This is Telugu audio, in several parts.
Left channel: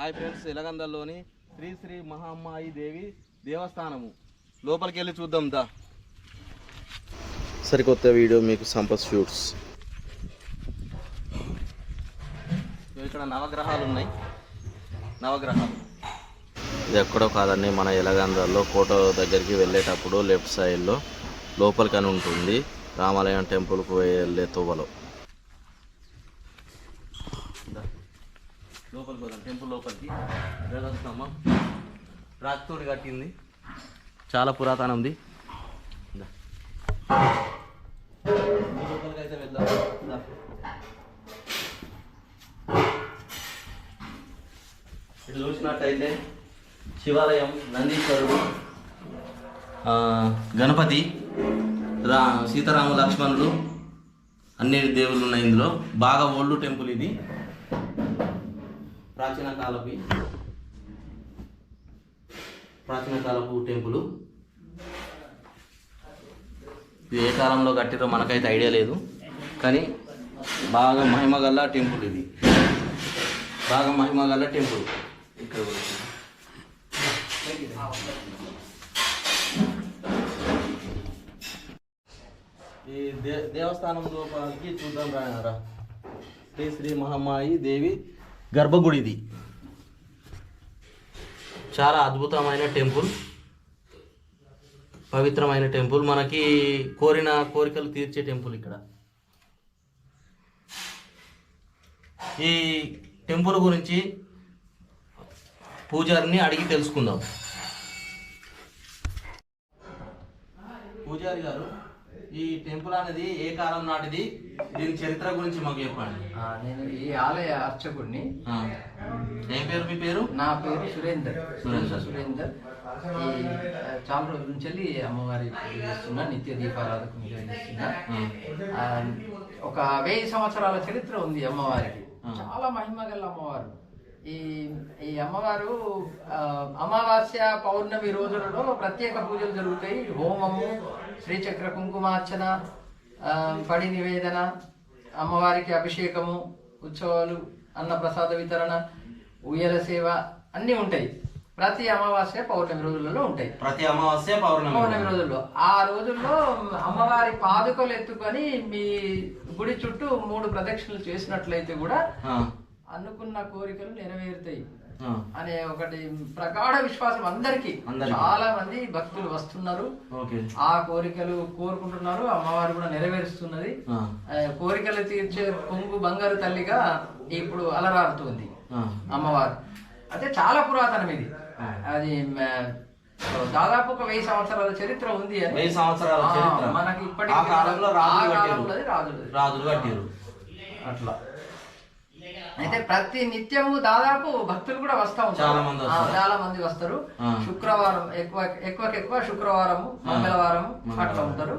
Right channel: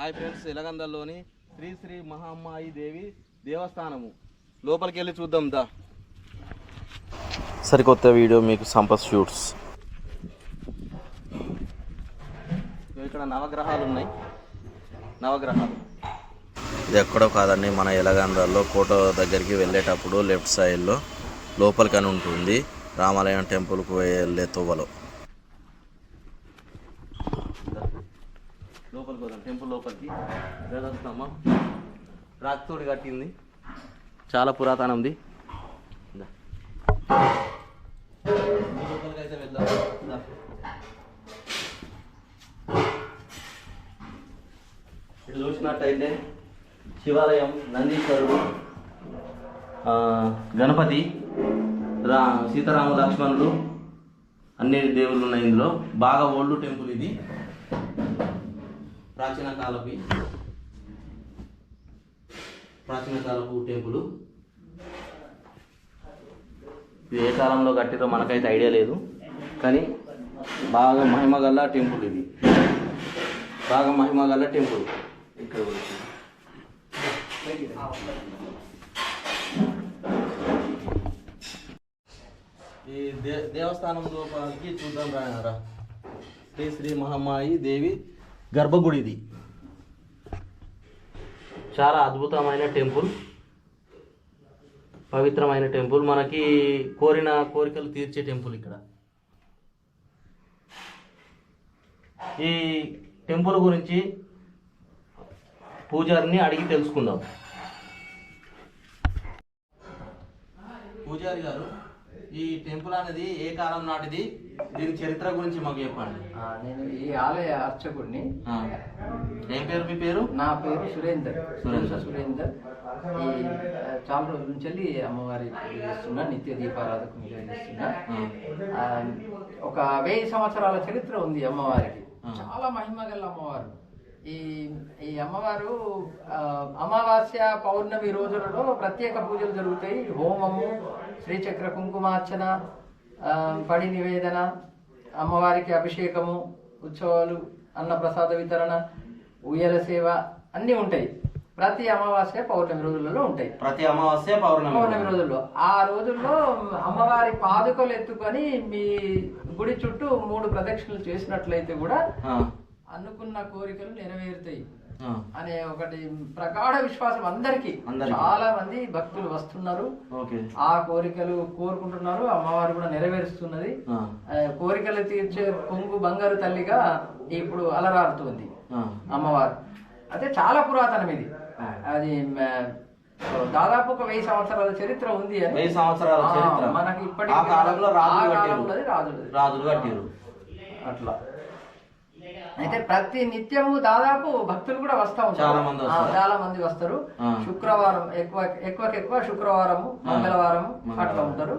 హాయ్ ఫ్రెండ్స్ ఇలగందల్లోని శ్రీ శ్రీ మహామ్మాయి దేవి దేవస్థానము. లోపలికి వెళ్ళి చూద్దాం దా. సరికొత్త వీడియో మీకు సంపత్ షూట్స్. ఇక్కడ నవగ్రహాలు ఉన్నాయి. నవగ్రహాలు. ఇది ఎక్కడో కాదండి మన ఎలగందల్లో కోట దగ్గరికి వెళ్ళేటప్పుడు లెఫ్ట్ సైడ్లో లోపలికని ఉంటుంది. రామాలయం టెంపుల్కు వెళ్ళే తువ్వలో. లోపలికి పోదాం. టెంపుల్ లోపలికి. స్తంభం రాతితోటి కట్టింది. చాలా పురాతనం ఉంది. లోపలికి అయితే వెళ్దాం. ఇటు చూసినట్టయితే శివాలయం నందీశ్వరుడు గణపతి రా సీతారామ లక్ష్మణుడు అన్ని దేవుళ్ళు ఉన్నాయి ఇందులో. బాగా ఓల్డ్ టెంపుల్ ఇది. ప్రాచీన కాలపు ప్రాచీన కాలపు టెంపుల్. ఇది ఏ కాలంలో కట్టిరో మనకైతే ఐడియా లేదు. కానీ బాగా మహిమ గల టెంపుల్ ఇది. బాగా మహిమ గల్ల టెంపుల్. ఇక్కడ ఈ దే దేవస్థానం లోపలికి చూద్దాం రా శ్రీ శ్రీ మహమ్మాయి దేవి గర్భగుడి ఇది చాలా అద్భుతమైన టెంపుల్. పవిత్రమైన టెంపుల్. మనకి కోరిన కోరికలు తీర్చే టెంపుల్ ఇక్కడ. ఈ టెంపుల్ గురించి పూజారిని అడిగి తెలుసుకుందాం. పూజారి గారు ఈ టెంపుల్ అనేది ఏ కాలం నాటిది? దీని చరిత్ర గురించి మాకు చెప్పండి. నేను ఈ ఆలయ అర్చకుడిని. ఏం పేరు మీ పేరు? నా పేరు సురేందర్. సురేందర్. సురేందర్. ఈ చాలా రోజుల నుంచి వెళ్ళి అమ్మవారి పూజ చేస్తున్నా నిత్య దీపారాధకు చేస్తున్నా. ఒక వెయ్యి సంవత్సరాల చరిత్ర ఉంది అమ్మవారికి. చాలా మహిమ గల అమ్మవారు. ఈ ఈ అమ్మవారు ఆ, అమావాస్య పౌర్ణమి రోజులలో ప్రత్యేక పూజలు జరుగుతాయి. హోమము శ్రీచక్ర కుంకుమార్చన పడి నివేదన అమ్మవారికి అభిషేకము ఉత్సవాలు అన్నప్రసాద వితరణ ఉయ్యల సేవ అన్నీ ఉంటాయి ప్రతి అమావాస్య పౌర్ణమి రోజులలో ఉంటాయి ప్రతి అమావాస్య పౌర్ణమి పౌర్ణమి రోజుల్లో ఆ రోజుల్లో అమ్మవారి పాదుకలు ఎత్తుకొని మీ గుడి చుట్టూ మూడు ప్రదక్షిణలు చేసినట్లయితే కూడా. అనుకున్న కోరికలు నెరవేరుతాయి. అనే ఒకటి ప్రగాఢ విశ్వాసం అందరికీ. చాలా మంది భక్తులు వస్తున్నారు. ఆ కోరికలు కోరుకుంటున్నారు. అమ్మవారు కూడా నెరవేరుస్తున్నది. కోరికలు తీర్చే కొంగు బంగారు తల్లిగా ఇప్పుడు అలరారుతుంది. అమ్మవారు. అయితే చాలా పురాతనం ఇది. అది దాదాపు ఒక వెయ్యి సంవత్సరాల చరిత్ర ఉంది అని. వెయ్యి సంవత్సరాల చరిత్ర. మనకి ఇప్పటికీ ఆ కాలంలో రాజులు. రాజులు కట్టారు అట్లా. అయితే ప్రతి నిత్యము దాదాపు భక్తులు కూడా వస్తా ఉంటారు. చాలా మంది. చాలా మంది వస్తారు. శుక్రవారం ఎక్కువ ఎక్కువ శుక్రవారము మంగళవారము అట్లా ఉంటారు.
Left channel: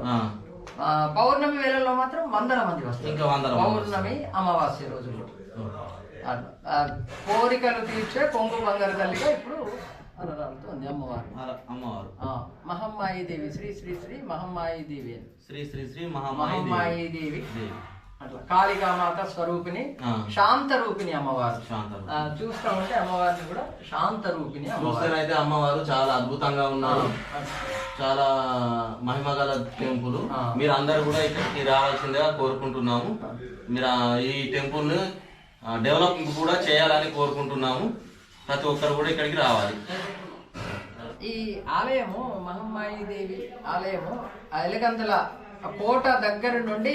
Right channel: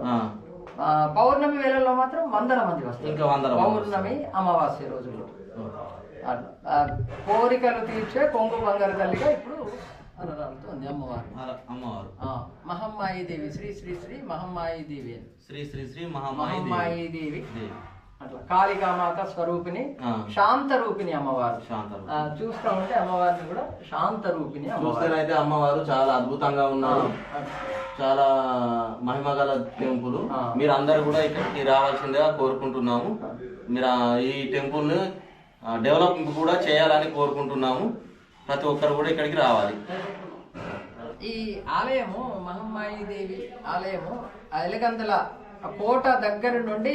పౌర్ణమి వేళల్లో మాత్రం వందల మంది వస్తారు. పౌర్ణమి అమావాస్య రోజుల్లో. కోరికలు తీర్చే కొంగు బంగారు తల్లిగా ఇప్పుడు అమ్మవారు. అమ్మవారు. మహమ్మాయి దేవి. శ్రీ శ్రీ శ్రీ మహమ్మాయి దేవి అని. శ్రీ శ్రీ శ్రీ మహమ్మాయి దేవి. అట్లా. కాళికామాత స్వరూపిణి ఆ. శాంత రూపిణి అమ్మవారు చూస్తా ఉంటే అమ్మవారిని కూడా శాంత రూపిణి అమ్మవారు. చూస్తేనైతే అమ్మవారు చాలా అద్భుతంగా ఉన్నారు చాలా మహిమ గల టెంపుల్. మీరు అందరు కూడా ఇక్కడికి రావాల్సిందిగా కోరుకుంటున్నాము. మీరు ఈ టెంపుల్ డెవలప్ కూడా చేయాలని కోరుకుంటున్నాము. ప్రతి ఒక్కరు కూడా ఇక్కడికి రావాలి. ఈ ఆలయము మహమ్మాయి దేవి ఆలయము ఎలగంతల కోట దగ్గర నుండి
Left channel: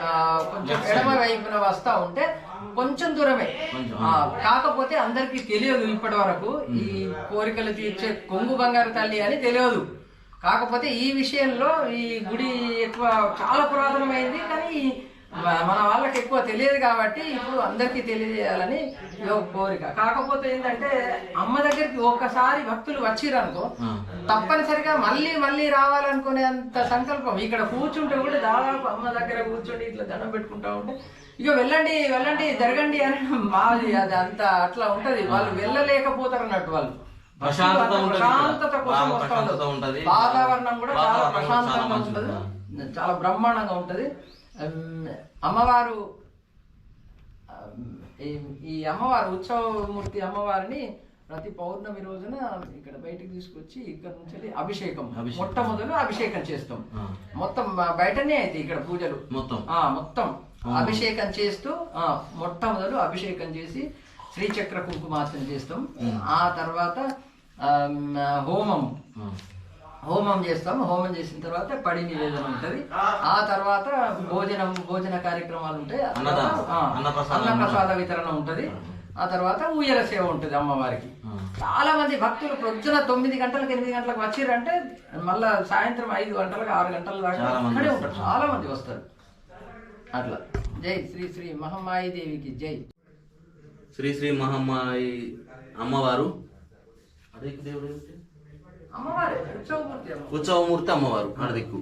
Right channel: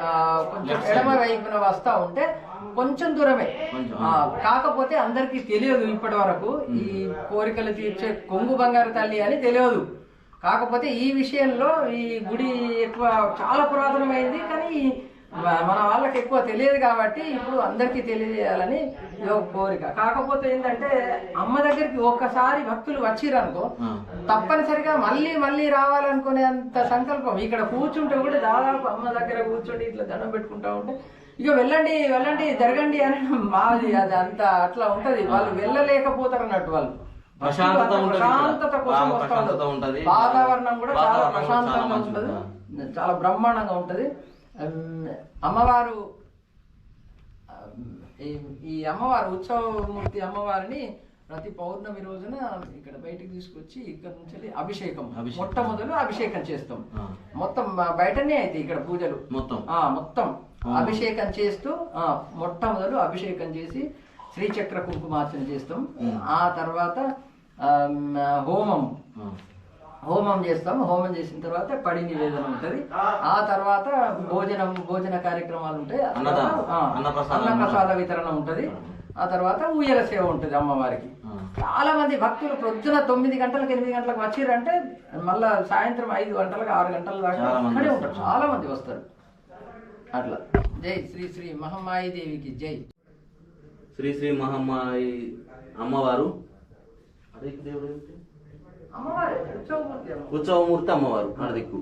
ఆ, కొంచెం ఎడమ వైపున వస్తా ఉంటే కొంచెం దూరమే. కాకపోతే అందరికీ తెలియదు ఇప్పటి వరకు ఈ కోరికలు తీర్చే కొంగు బంగారు తల్లి అని తెలియదు. కాకపోతే ఈ విషయంలో ఈ గుడి ఎక్కువ చాలా పురాతనమైంది కానీ మన వాళ్ళకి ఎక్కువ తెలియదు కాబట్టి ఇప్పుడు అందరికీ తెలియజేయాలని ఒక కోరిక కాకపోతే ఏంటంటే అమ్మ దగ్గరికి ఒక్కసారి భక్తులు వచ్చిరనుకో. తప్పనిసరిగా మళ్ళీ మళ్ళీ రావాలనుకునే అంత సంకల్పం ఇక్కడ కూర్చుంటే కూడా దాదాపు అమ్మ దగ్గర కూర్చుండి ఇట్లా దండం పెట్టుకుంటా ఉంటే ఇక వెళ్ళండి వెళ్ళండి జరగండి అని మాది అది అంత అట్లా ఉంటది వాళ్ళు వెళ్ళలేకపోతారు అన్నట్టు వాళ్ళు ప్రశాంతత. కోసం. వాతావరణం కూడా చాలా ప్రశాంతంగా. ఉంటది చాలా బ్రహ్మాండంగా ఉంటది అమ్మవారు ఈ- అమ్మవారు ఉత్సవమూర్తి అమ్మవారిని ప్రతి పౌర్ణమి రోజున ఇక్కడ బయటికి తీసుకొచ్చి ఇక్కడ నుంచి అభిషేకం. మొట్టమొదలు అభిషేకం చేస్తాం. మొత్తం బయటనే అయితే ఇక్కడ పూజలు మొత్తం ఆ మొత్తం. అభిషేకం చేస్తూ ఆ మొట్టమొదలు అభిషేకం చేసి శ్రీచక్ర కుంకుమార్చన చేస్తాం. ఆ తర్వాత హోమం. హోమం చేస్తాం. హోమం చేసిన తర్వాత పడి నివేదన ఉంటది. ఆ తర్వాత భోజనం భోజన కార్యక్రమాలు ఉంటాయి. అన్నప్రసాదం. అన్నప్రసాద వితరణ ఉంటది. ఆ. తర్వాత ఊయల సేవ ఉంటది అమ్మవారికి. చాలా మంది భక్తులు ప్రొద్దున తొమ్మిది గంటలకు ఎనిమిది గంటలకు వచ్చిర్రంటే మళ్ళా సాయంత్రం ఐదు గంటలకు ఆరు గంటల దాకా వస్తారు. ఉంటారు. చాలా మంది వస్తారు. అట్లా. జై శ్రీ శ్రీ మహమ్మాయి దేవికి జై. శ్రీ శ్రీ మహమ్మాయి అమ్మవారు. అదే దేవుడు? అమ్మవారే ఉత్సవమూర్తి అమ్మ ఉత్సవమూర్తి అమ్మవారు అడదిక్కు